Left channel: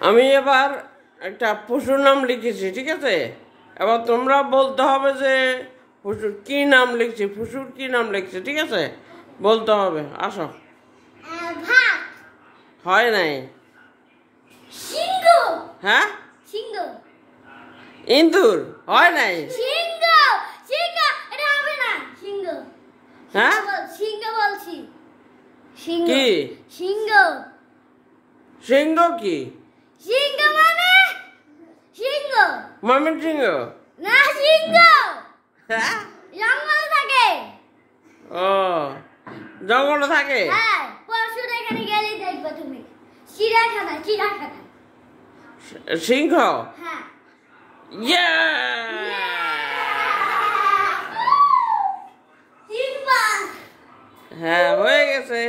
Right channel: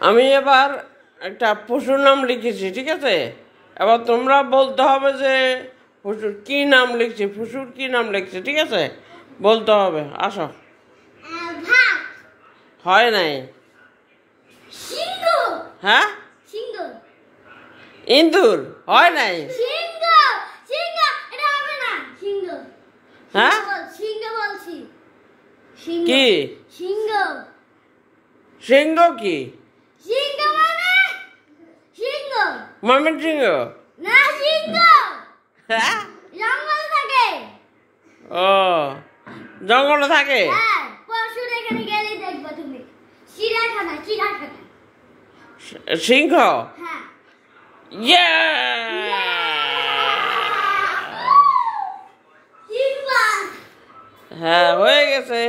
আমি এবার একটা পশুর নাম লিখেছি, ঠিক আছে? এবার তোমরা বলতে হবে যে পশুর কি নাম লিখছি, পশুর কি নাম লিখছি, ঠিক আছে? বলতে হবে। আসো। ভাত। হয় নাই। সিংহ। হ্যাঁ, সিংহ। ইন্দুর। হয় নাই। সিংহ। সিংহ, এটা হবে না। সিংহ। হ্যাঁ, সিংহ বলছি। সিংহ। কি সিংহ। সিংহ? কি সিংহ মানে সিংহ ময়মন সিংহ? না, সিংহ হ্যাঁ, জঙ্গলে থাকে। ও জঙ্গলে থাকে। হ্যাঁ, পরশুর এখানে গেলে দেখবে তুমি। চিড়িয়াখানা, চিড়িয়াখানা। সিংহ। হ্যাঁ। ইয়ে, সিংহ। হ্যাঁ হয়ে গেছে।